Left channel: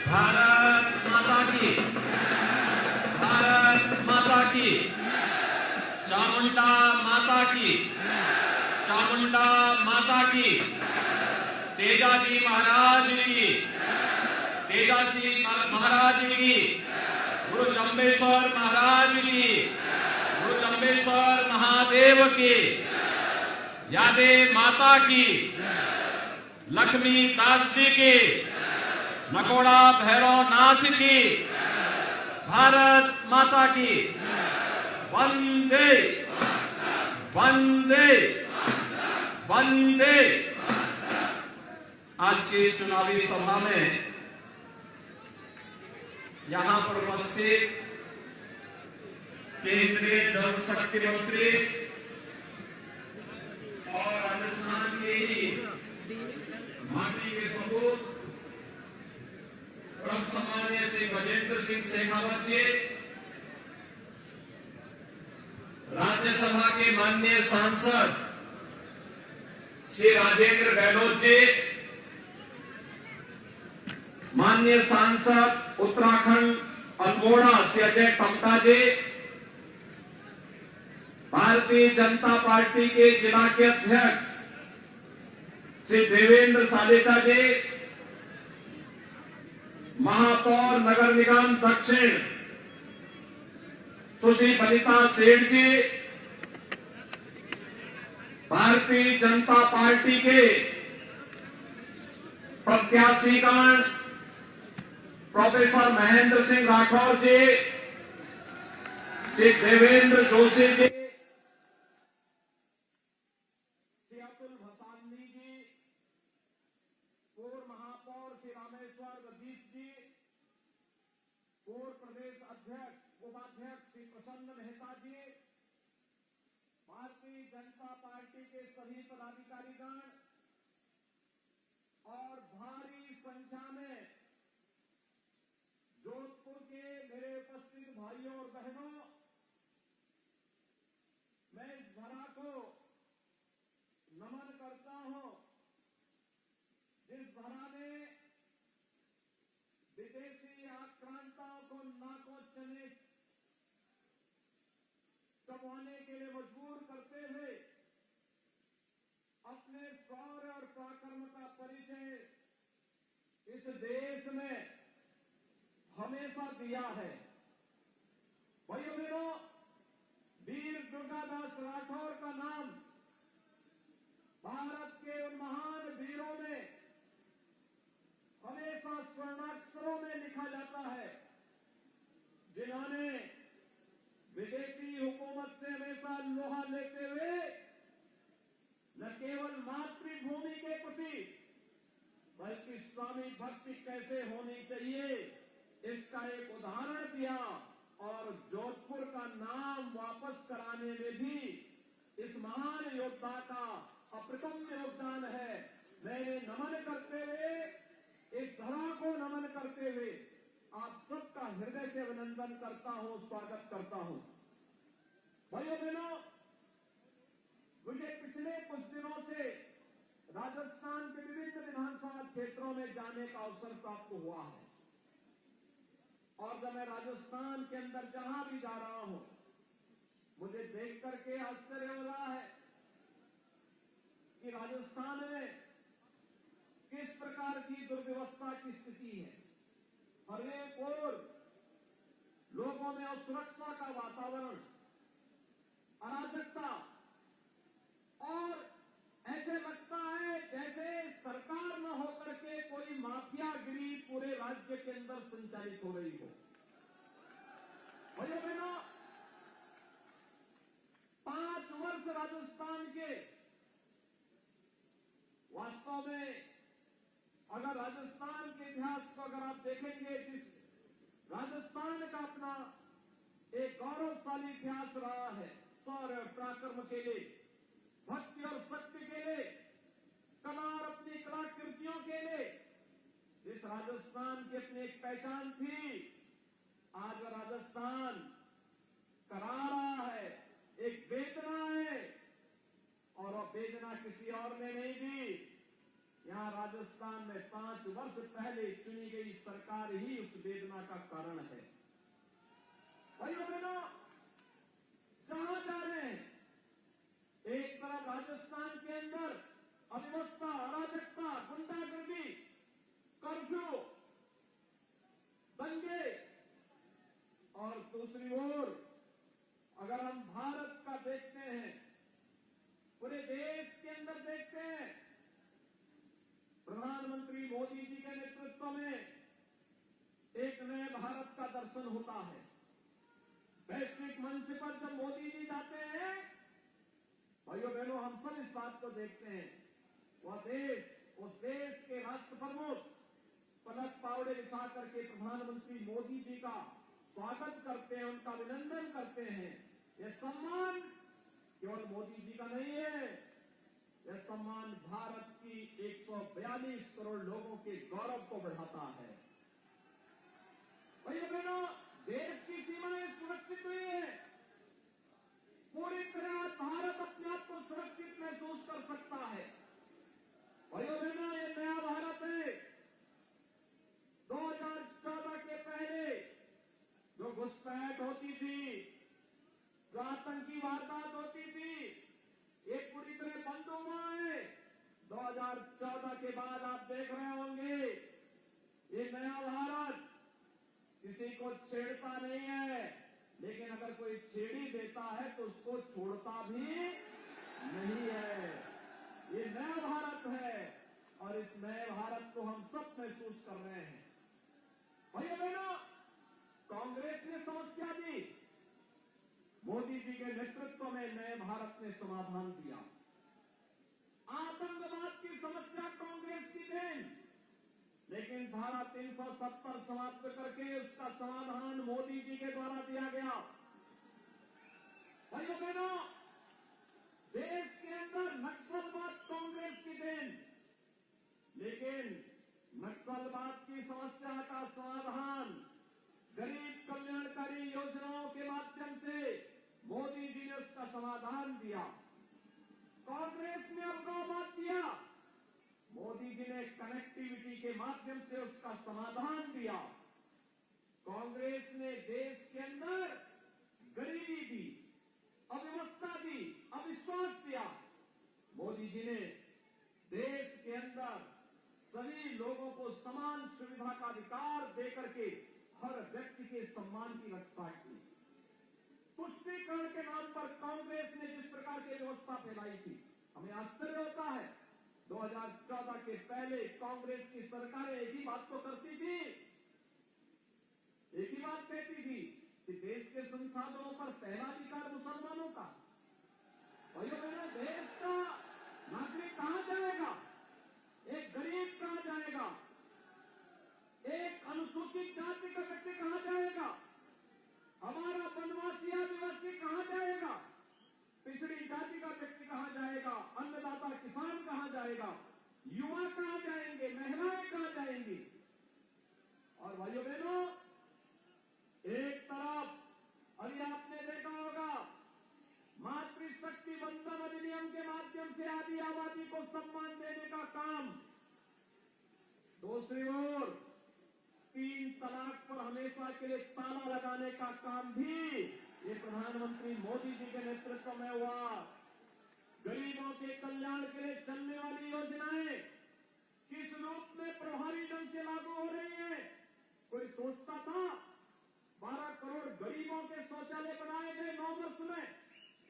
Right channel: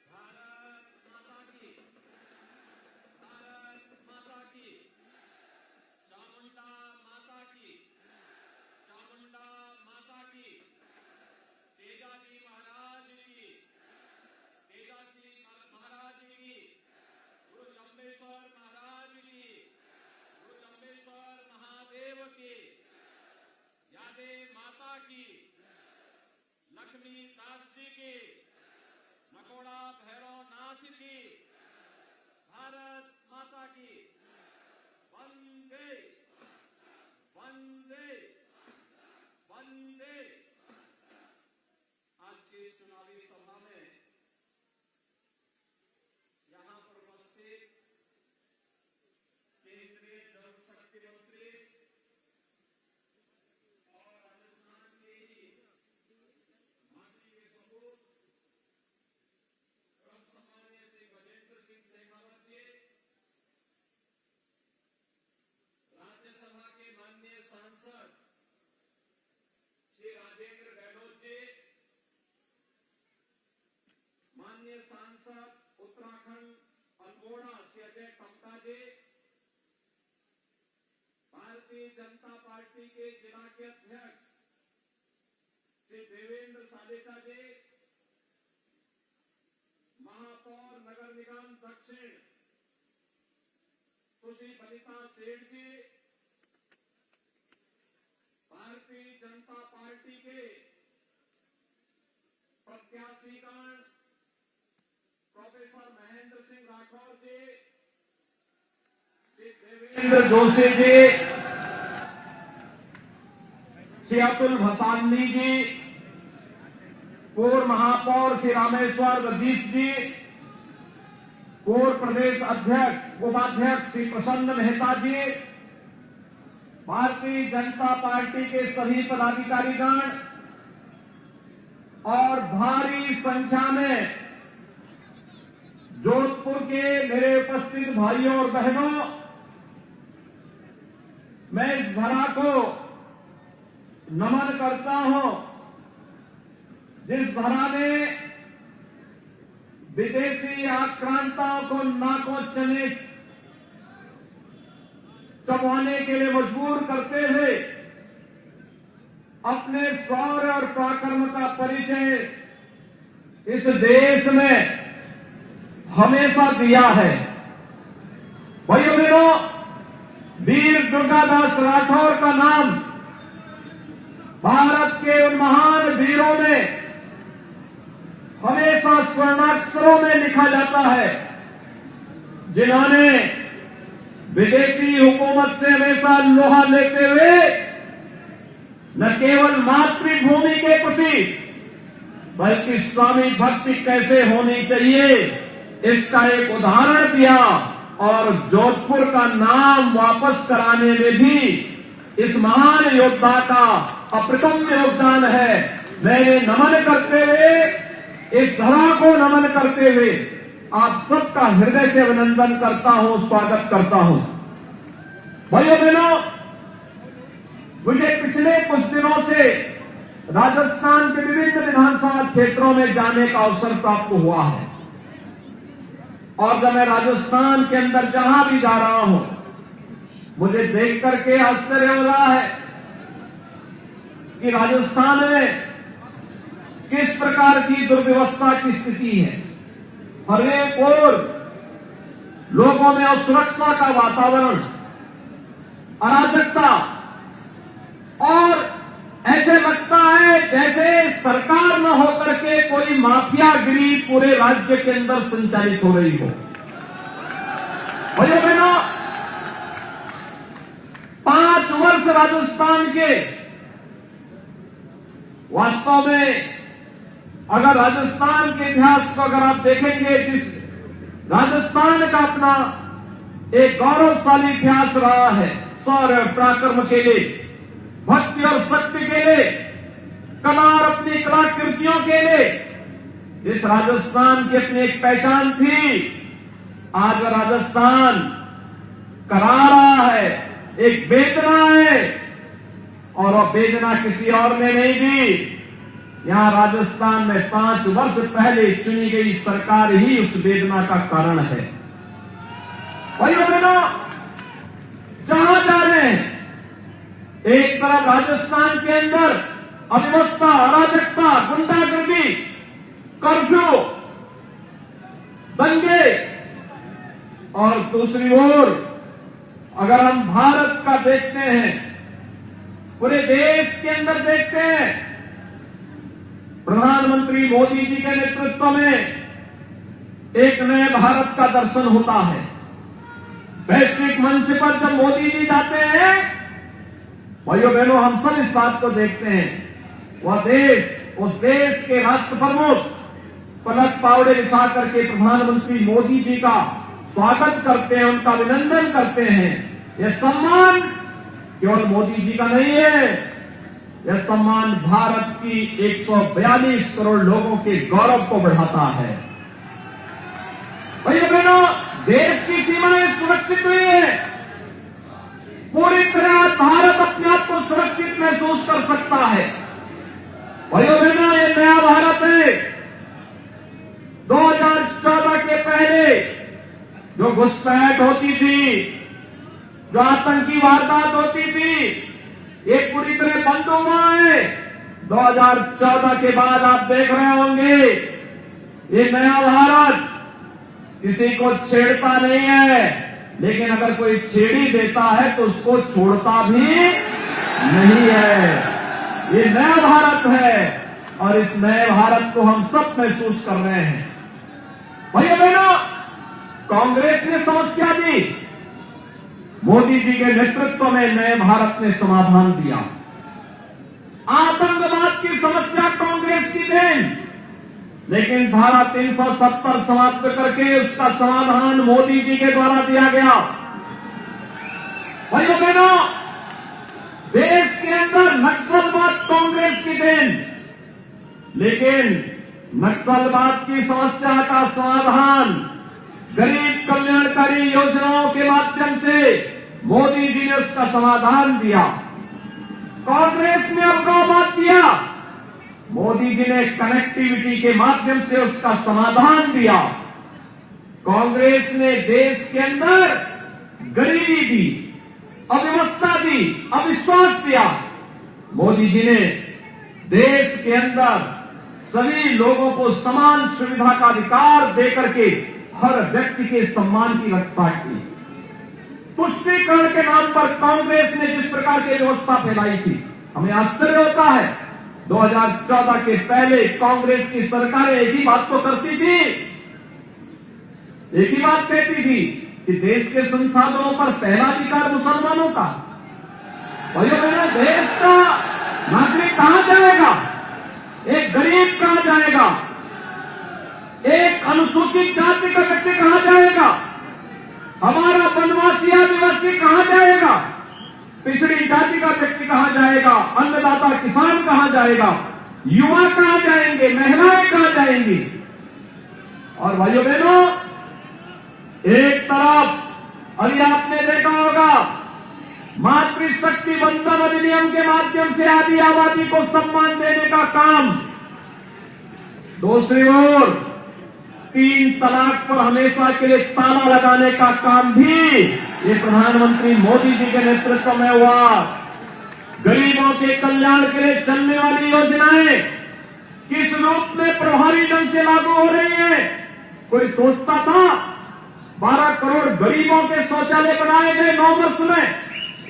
भारत माता की, भारत माता की, चामुंडा माता की, चामुंडा माता की, तेजाजी महाराज की, तेजाजी महाराज की, गुरु जम्बेश्वर महाराज की, गुरु जम्बेश्वर महादेव की, यादे माता की, लक्ष्मी दास जी की, नकोड़ा भैरव नाथ की, भारत माता की, वंदे वंदे वंदे। आज की चुनावी सभा में यहां पर उपस्थित केंद्रीय जल शक्ति मंत्री और राजस्थान के ही माटी के सपूत परम सम्माननीय श्री गजेंद्र सिंह शेखावत जी, राज्यसभा के माननीय सांसद श्री राजेंद्र गहलोत जी, माननीय सांसद उत्तराखंड अल्मोड़ा श्री अजय टम्टा जी, भारतीय जनता पार्टी के जिला के अध्यक्ष श्री देवेंद्र सालेता जी, महापौर नगर निगम दक्षिण सुश्री बनिता सेठ जी, भारतीय जनता पार्टी के प्रत्याशीगण प्रोफेसर महेंद्र सिंह राठौर जी, श्री देवेंद्र जोशी जी, श्री अतुल भसानी जी, पूर्व महापौर श्री रामेश्वर रदीप जी, पूर्व प्रदेश अध्यक्ष उपाध्यक्ष श्री प्रसन्न मेहता जी, भारतीय जनता पार्टी के सभी पदाधिकारीगण और भारी संख्या में जोधपुर के मेरे उपस्थित भाइयों और बहनों, मैं इस धरा को नमन करता हूं जिस धरा ने विदेशी आक्रांताओं को नाकों चने चबाने के लिए मजबूर करते हुए अपने शौर्य और पराक्रम का परिचय इस देश में हमेशा दिया है। भाइयों बहनों, वीर दुर्गादास राठौर का नाम भारत के उन महान वीरों में हमेशा स्वर्णाक्षरों में लिखा जाता है जिन्होंने विदेशी हुकूमत से हमेशा लोहा लेते हुए न केवल मातृभूमि के प्रति बल्कि स्वामी भक्ति कैसे होनी चाहिए इसका एक उदाहरण दिया और जोधपुर का नाम वापस कराने में भी इस महान योद्धा का अप्रतिम योगदान है। मैंने नमन करते हुए, इस धरा को नमन करते हुए आप सबका हृदय से अभिनंदन करता हूं, स्वागत करता हूं। भाइयों बहनों, मुझे पिछले कुछ दिनों से राजस्थान के विभिन्न विधानसभा क्षेत्रों में जाने का अवसर प्राप्त हुआ है और जब मैं राजस्थान के अंदर जहां भी जा रहा हूं, मुझे देख करके आश्चर्य हो रहा है कि राजस्थान में किस प्रकार की दुर्व्यवस्था की स्थिति है। हर एक ओर लोगों में असुरक्षा का वातावरण, अराजकता और ऐसे लगता है जैसे सरकार न होकर के कोई माफियागिरी पूरे राज्य के अंदर संचालित हो रही हो। भाइयों बहनों, 5 वर्ष राजस्थान के वास्तव में अगर राजस्थान के इतिहास को अगर आप देखेंगे, जिस राजस्थान का अपना एक गौरवशाली इतिहास रहा है, शौर्य पराक्रम के लिए, भक्ति और शक्ति के लिए, कला और अपनी कलाकृतियों के लिए, इस राजस्थान की अपनी एक पहचान थी। आज राजस्थान करा रहा है, एक वेदना है और वह वेदना किसी और ने नहीं दी, यहां राजस्थान में 5 वर्ष पहले चुनी गई सरकार ही उस वेदना का कारण है। भाइयों बहनों, जहां जा रहे हैं, एक तरफ राजस्थान के अंदर अव्यवस्था, अराजकता, गुंडागर्दी, कर्फ्यू, दंगे, और दूसरी ओर अगर हम भारत का देखते हैं, पूरे देश के अंदर देखते हैं, प्रधानमंत्री मोदी जी के नेतृत्व में एक नए भारत का दर्शन होता है। वैश्विक मंच पर जब मोदी जी जाते हैं, भाइयों बहनों, हम सब इस बात को देखते हैं, वह देश, उस देश के राष्ट्र प्रमुख पलक पावड़े बिछा करके प्रधानमंत्री मोदी जी का स्वागत करते हैं, उनका अभिनंदन करते हैं। यह सम्मान केवल मोदी जी का नहीं है, यह सम्मान भारत की 142 करोड़ लोगों के गौरव को बढ़ाता है। भाइयों बहनों, देश की सीमाएं सुरक्षित हुई है, पूरी तरह भारत अपने आप को सुरक्षित महसूस कर सकता है। भाइयों बहनों, ये नया भारत है। 2014 के पहले जो घुसपैठ होती थी, जो आतंकी वारदात होती थी, ये पूरी तरह बंद हुआ है। 2014 के बाद आप देख रहे होंगे, ये नया भारत किसी को छेड़ता नहीं है, लेकिन अगर कोई छेड़ ही देता है तो उसको छोड़ता भी नहीं है। ये नया भारत है और इस नए भारत को हम सब महसूस कर रहे हैं। भाइयों बहनों, कांग्रेस ने समस्या दी, मोदी जी के नेतृत्व में नए भारत ने समाधान दिया। आतंकवाद की समस्या कांग्रेस की देन, लेकिन धारा 370 समाप्त करके उसका समाधान मोदी जी के द्वारा दिया गया। भाइयों बहनों, देश के अंदर नक्सलवाद कांग्रेस की देन, लेकिन नक्सलवाद की समस्या का समाधान गरीब कल्याणकारी योजनाओं के माध्यम से मोदी जी ने उसका समाधान दिया। कांग्रेस ने अलगाववाद दिया, मोदी जी ने कनेक्टिविटी के माध्यम से उसका समाधान दिया। कांग्रेस ने देश के अंदर गरीबी दी, अव्यवस्था दी, अविश्वास दिया। मोदी जी ने देश के अंदर सभी लोगों को समान सुविधा का अधिकार देकर के हर व्यक्ति के सम्मान की रक्षा की। तुष्टीकरण के नाम पर कांग्रेस ने जिस प्रकार की व्यवस्था फैलाई थी, हमें आश्चर्य होता है। 2014 के पहले कांग्रेस की सरकारें एक ही बात तो करती थी, एक ही बात कहती थी कि देश के संसाधनों पर पहला अधिकार मुसलमानों का। भाइयों बहनों, देश का नागरिक कहां जाएगा, एक गरीब कहां जाएगा, एक अनुसूचित जाति का व्यक्ति कहां जाएगा, हमारा वनवासी आदिवासी कहां जाएगा, पिछड़ी जाति का व्यक्ति कहां जाएगा, अन्नदाता किसान कहां जाएगा, युवा कहां जाएंगे, महिलाएं कहां जाएंगी। और भाइयों बहनों, एक तरफ अभी आपने देखा होगा मातृशक्ति बंधन अधिनियम के माध्यम से आदि आबादी को सम्मान देने का काम, दूसरी ओर 3 तलाक पर हमेशा के लिए ताला लगाने का काम भी ये प्रधानमंत्री मोदी जी के नेतृत्व में हुआ। गरीबों के कल्याण के लिए चलने वाली योजनाएं किस रूप में प्रभावी ढंग से लागू हो रही है। कोई सोचता था 12 करोड़ गरीबों के शौचालय बनाए गए 9 वर्ष में,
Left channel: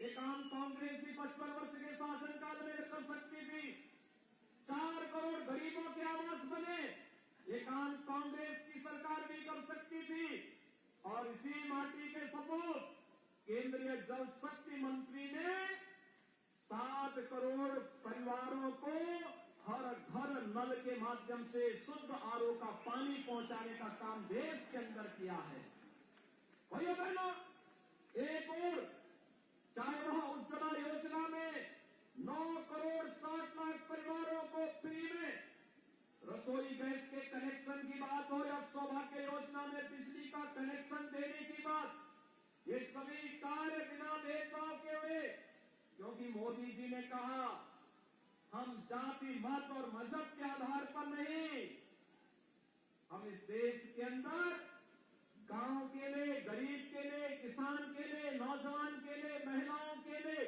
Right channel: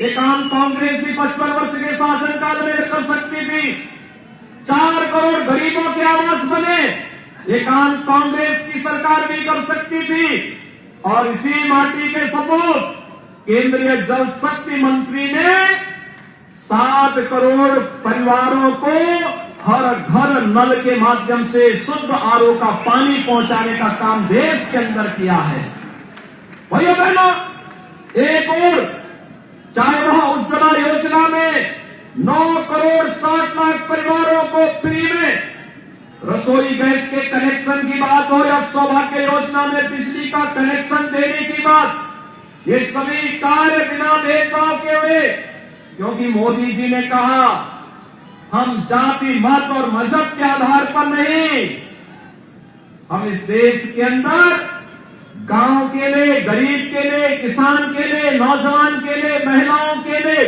एक आम कांग्रेस भी 55 वर्ष के शासनकाल में कर सकती थी। 4 करोड़ गरीबों के आवास बने, एक आम कांग्रेस की सरकार भी कर सकती थी। और इसी माटी के सपूत केंद्रीय जल शक्ति मंत्री ने 7 करोड़ परिवारों को हर घर नल के माध्यम से शुद्ध आरओ का पानी पहुंचाने का काम देश के अंदर किया है। भाइयों बहनों, एक और चाहे वह उज्ज्वला योजना में 9 करोड़ 60 लाख परिवारों को फ्री में रसोई गैस के कनेक्शन की बात हो या सौभाग्य योजना में बिजली का कनेक्शन देने की बात, ये सभी कार्य बिना भेदभाव के हुए, क्योंकि मोदी जी ने कहा हम जाति, मत और मजहब के आधार पर नहीं, हम इस देश के अंदर गांव के लिए, गरीब के लिए, किसान के लिए, नौजवान के लिए, महिलाओं के लिए,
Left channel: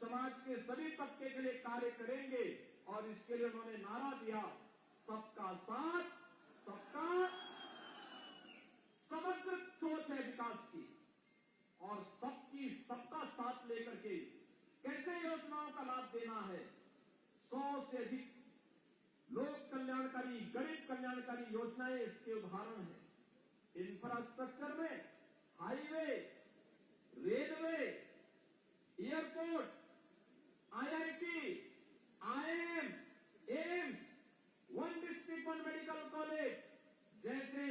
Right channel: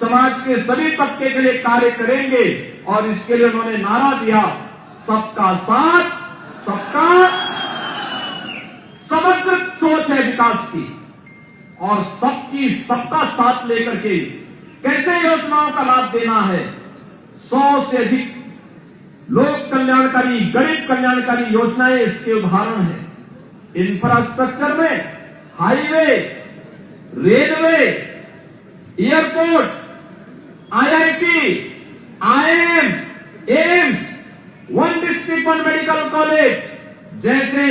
समाज के सभी तबके के लिए कार्य करेंगे। और इसके लिए उन्होंने नारा दिया, सबका साथ, सबका समग्र सोच है विकास की, और सबकी सबका साथ लेकर के कैसे योजनाओं का लाभ देना है। 100 से अधिक लोक कल्याणकारी, गरीब कल्याणकारी योजनाएं इसके उदाहरण है। इंफ्रास्ट्रक्चर में highway, railway, airport, IIT, IIM, AIIMS, one district one medical college जैसे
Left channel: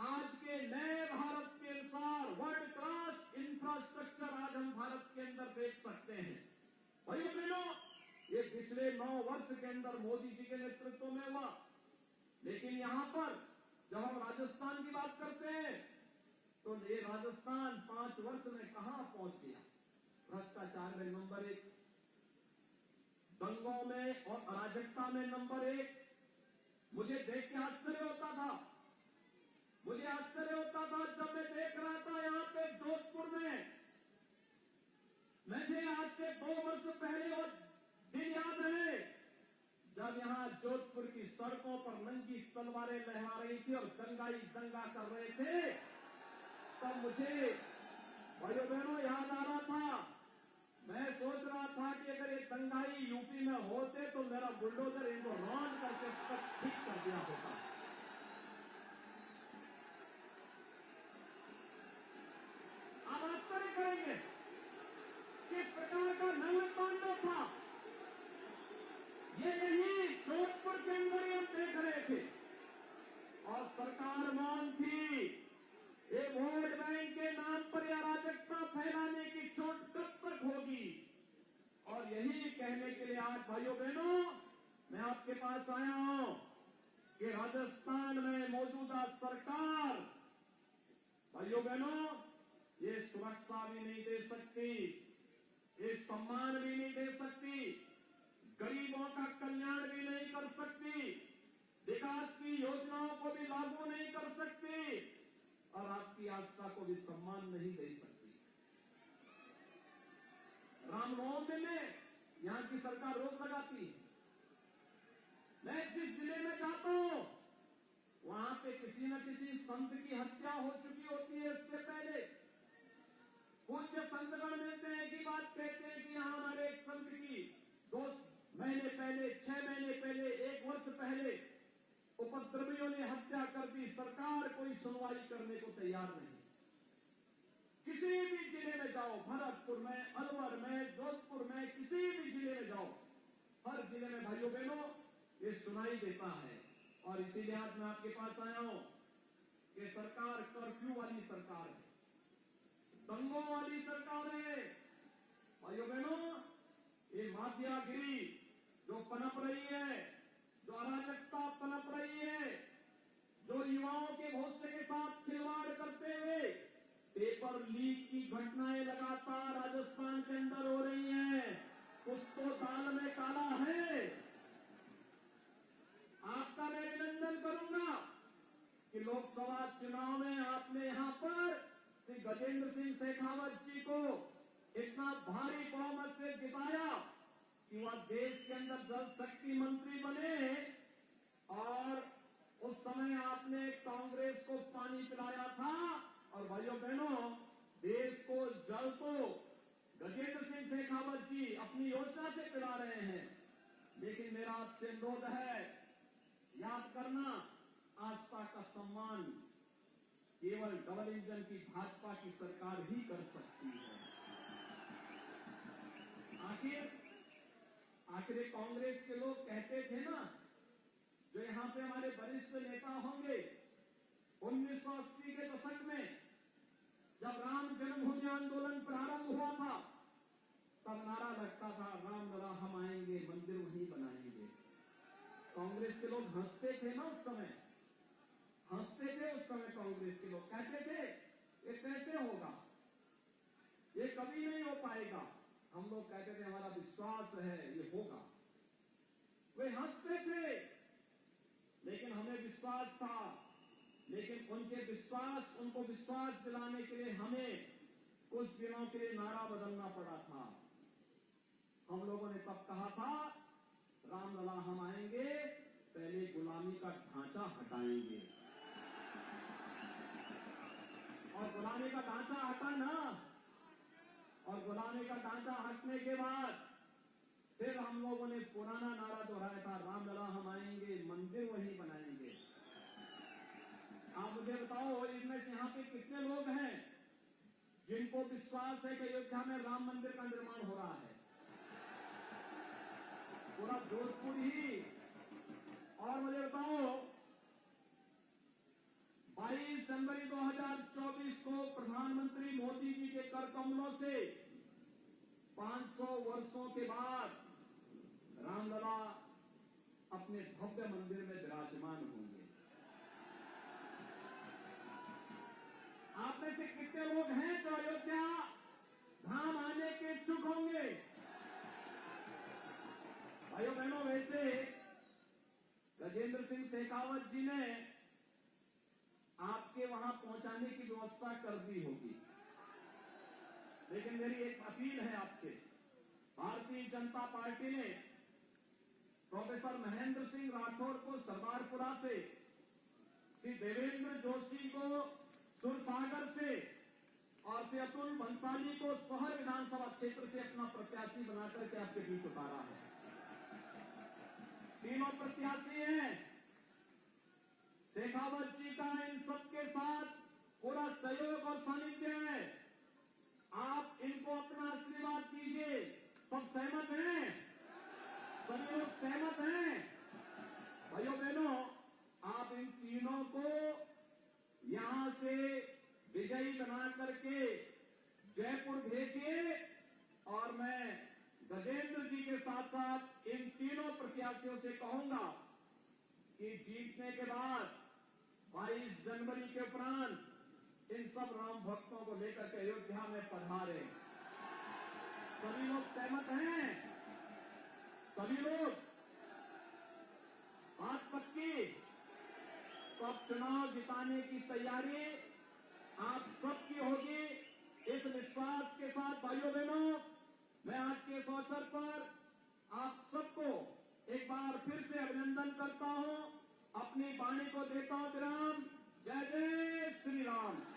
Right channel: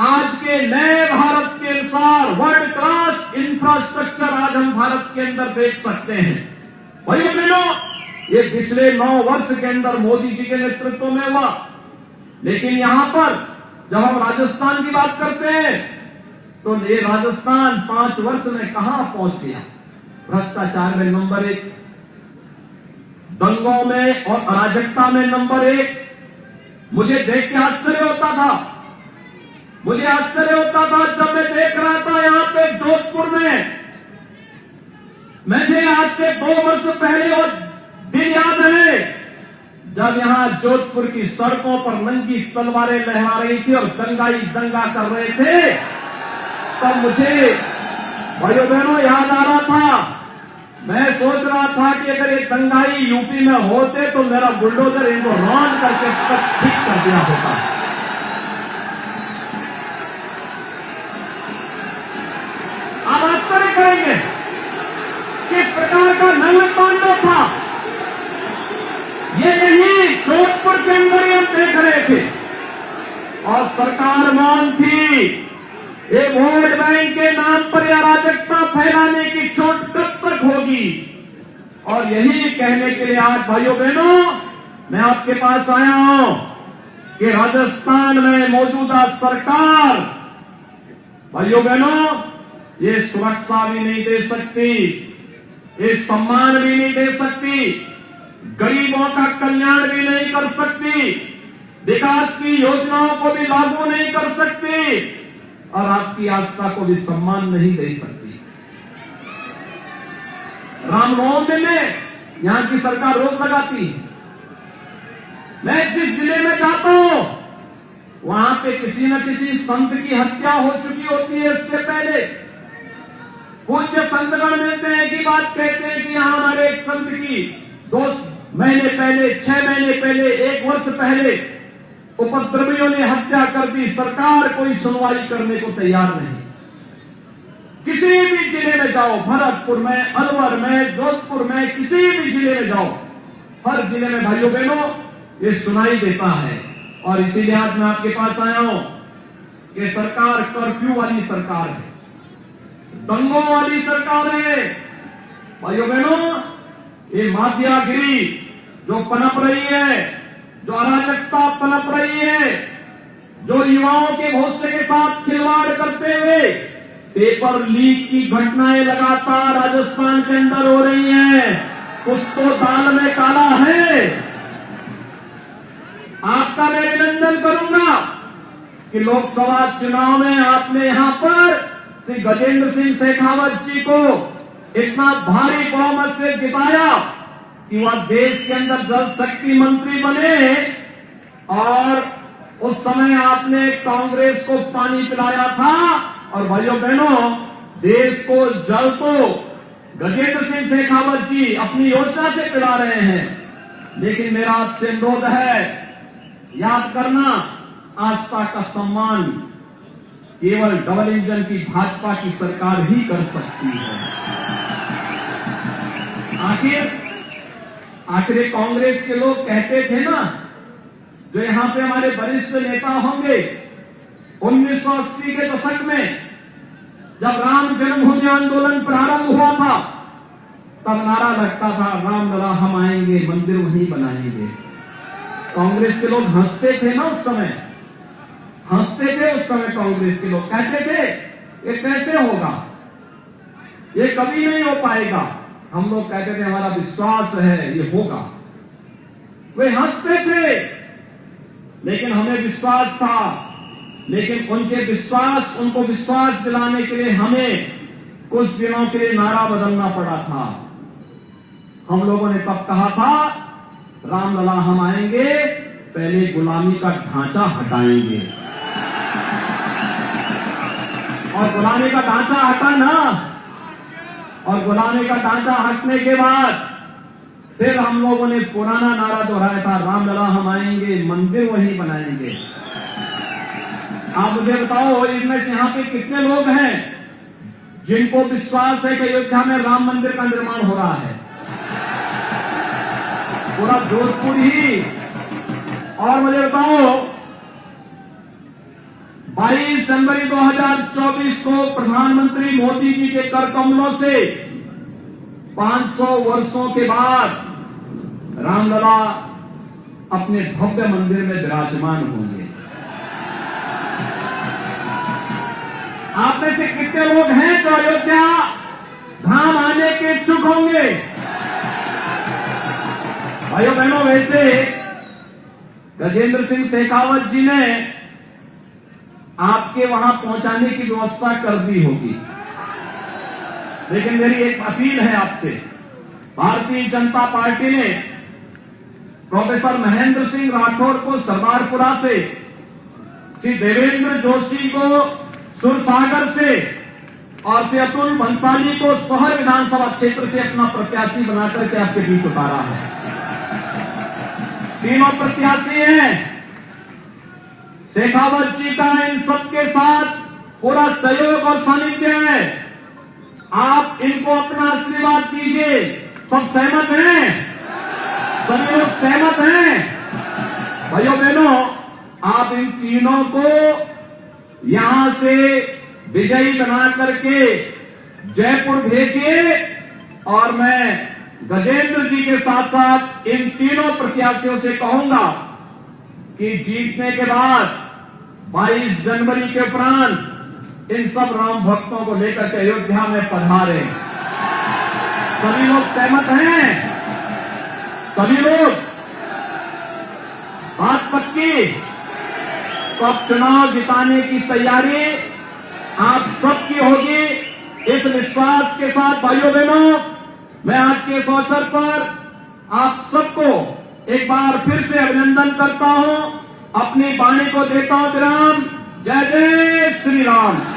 आज के नए भारत के अनुसार वर्ल्ड क्लास इंफ्रास्ट्रक्चर आज हम भारत के अंदर देख सकते हैं। भाइयों बहनों, ये पिछले 9 वर्ष के अंदर मोदी जी के नेतृत्व में हुआ। लेकिन यहां पर जब हम राजस्थान की बात करते हैं तो ये राजस्थान 5 वर्ष में कहां पहुंच गया? भ्रष्टाचार में नंबर 1, दंगों में और अराजकता में नंबर 1। मुझे देख के आश्चर्य होता था, मुझे आश्चर्य होता था जब मैं देख रहा था यहां पे जोधपुर में, मुझे आज से 2 वर्ष पहले वो दिन याद है जब यहां जोधपुर की सड़कों पर नंगी तलवारें लहरा रही थी और दंगाई दंगा कर रहे थे। तब मुझे भाइयों बहनों याद आ रहा था, मैं सोच रहा था कि अगर ये दंगाई यूपी में होते तो मेरा बुलडोजर इनको रौंद करके ठीक कर दिया होता। आप आश्चर्य करेंगे किस प्रकार का नंगतांडव था। ये नहीं जोधपुर के अंदर ही हम देख रहे थे और सरकार मौन थी। ये वोट बैंक के नाम पर अराजकता फैलाने की चोट कब तक होगी? और यही कहने के लिए आज भाइयों बहनों मैं आपके पास आया हूं कि राजस्थान में मौजूदा सरकार भाइयों बहनों ये सुरक्षा भी नहीं दे सकती, ये सम्मान भी नहीं दे सकती, गरीबों का कल्याण भी नहीं कर सकती, विकास की योजनाओं को भी लागू नहीं कर सकती और आपकी आस्था को भी सम्मान नहीं दे सकती। रामनवमी में यहां की सरकार रोक लगाती है। मैं जिस जिले में जाता हूं वहां पे किसी न किसी संत की हत्या हो चुकी होती है। इससे पहले पूज्य संतगण मिलते हैं की बात कहते हैं कि यहां हमारे एक संत की 2 महीने पहले, 6 महीने पहले, 1 वर्ष पहले उपद्रवियों ने हत्या कर दी। सरकार कोई सुनवाई करने को तैयार नहीं। किसी भी जिले में जाओ, भरतपुर में, अलवर में, जोधपुर में, किसी भी जिले में जाओ, हर जिले में भाइयों बहनों ये सुनाई देता है। और इसीलिए आज मैं आपके पास आया हूं कि सरकार कर्फ्यू वाली सरकार है, दंगों वाली सरकार है। भाइयों बहनों ये माफियागिरी जो पनप रही है, जो अराजकता पनप रही है, जो युवाओं के भविष्य के साथ खिलवाड़ करते हुए पेपर लीक की घटनाएं लगातार राजस्थान के अंदर हो रही हैं। कुछ तो दाल में काला है। आपका मैं अभिनंदन करूंगा कि लोकसभा चुनाव में आपने यहां पर श्री गजेंद्र सिंह शेखावत जी को इतना भारी बहुमत से जिताया कि वह देश के अंदर जल शक्ति मंत्री बने। और उस समय आपने कांग्रेस को पानी पिलाया था। और भाइयों बहनों देश को जल तो गजेंद्र सिंह शेखावत जी अपनी योजना से पिला रहे हैं। लेकिन मेरा आपसे अनुरोध है, याद करना, आस्था का सम्मान केवल डबल इंजन की भाजपा की सरकार ही कर सकती है। आखिर कांग्रेस के लोग कहते थे ना, जो यहां पे हमारे वरिष्ठ नेता होंगे, 1980 के दशक में जब राम जन्मभूमि आंदोलन प्रारंभ हुआ था तब नारा लगता था, राम लला हम आएंगे, मंदिर वहीं बनाएंगे। कांग्रेस के लोग हंसते थे ना उस समय, हंसते थे उस समय कांग्रेस के लोग, कहते थे ये कैसे होगा, ये कभी नहीं हो पाएगा। हम लोग कहते थे हमारा विश्वास है ये होगा। वे हंसते थे, लेकिन हमें विश्वास था। लेकिन उनको विश्वास दिलाने के लिए हमें कुछ दिनों के लिए नारा बदलना पड़ा था। हम लोगों ने तब कहा था, रामलला हम आएंगे, पहले गुलामी का ढांचा हटाएंगे। और गुलामी का ढांचा हटा ना, और गुलामी का ढांचा हटने के बाद फिर हम लोगों ने पुराना नारा दोहराया था, रामलला हम आएंगे, मंदिर वहीं बनाएंगे। आप मुझे बताओ, इनमें से यहां पे कितने लोग हैं जिनको विश्वास है कि अयोध्या में राम मंदिर का निर्माण हो रहा है? पूरा जोधपुर ही। और मुझे बताओ, 22 जनवरी 2024 को प्रधानमंत्री मोदी जी के कर कमलों से 500 वर्षों के बाद रामलला अपने भव्य मंदिर में विराजमान होंगे। आप में से कितने लोग हैं जो अयोध्या धाम आने के इच्छुक होंगे? भाइयों बहनों, वैसे गजेंद्र सिंह शेखावत जी ने आपके वहां पहुंचाने की व्यवस्था कर दी होगी, लेकिन मेरी एक अपील है आपसे। भारतीय जनता पार्टी ने प्रोफेसर महेंद्र सिंह राठौर को सरदारपुरा से, श्री देवेंद्र जोशी को सुरसागर से और श्री अतुल भंसाली को शहर विधानसभा क्षेत्र से अपना प्रत्याशी बनाकर के आपके बीच उतारा है। तीनों प्रत्याशी हैं। शेखावत जी का इन सबके साथ पूरा सहयोग और सानिध्य है। आप इनको अपना आशीर्वाद दीजिए। सब सहमत हैं? सभी लोग सहमत हैं? भाइयों बहनों, आप इन तीनों को यहां से विजयी बना करके जयपुर भेजिए, और मैं गजेंद्र जी के साथ साथ इन तीनों प्रत्याशियों से कहूंगा कि जीतने के बाद 22 जनवरी के उपरांत इन सब राम भक्तों को लेकर के अयोध्या में पधारे। सभी लोग सहमत हैं? सभी लोग? बात पक्की? तो अब चुनाव जिताने की तैयारी आप सबकी होगी। इस विश्वास के साथ भाइयों बहनों, मैं आज के इस अवसर पर आप सबको एक बार फिर से अभिनंदन करता हूं। अपनी वाणी को देता हूं विराम। जय जय श्री राम।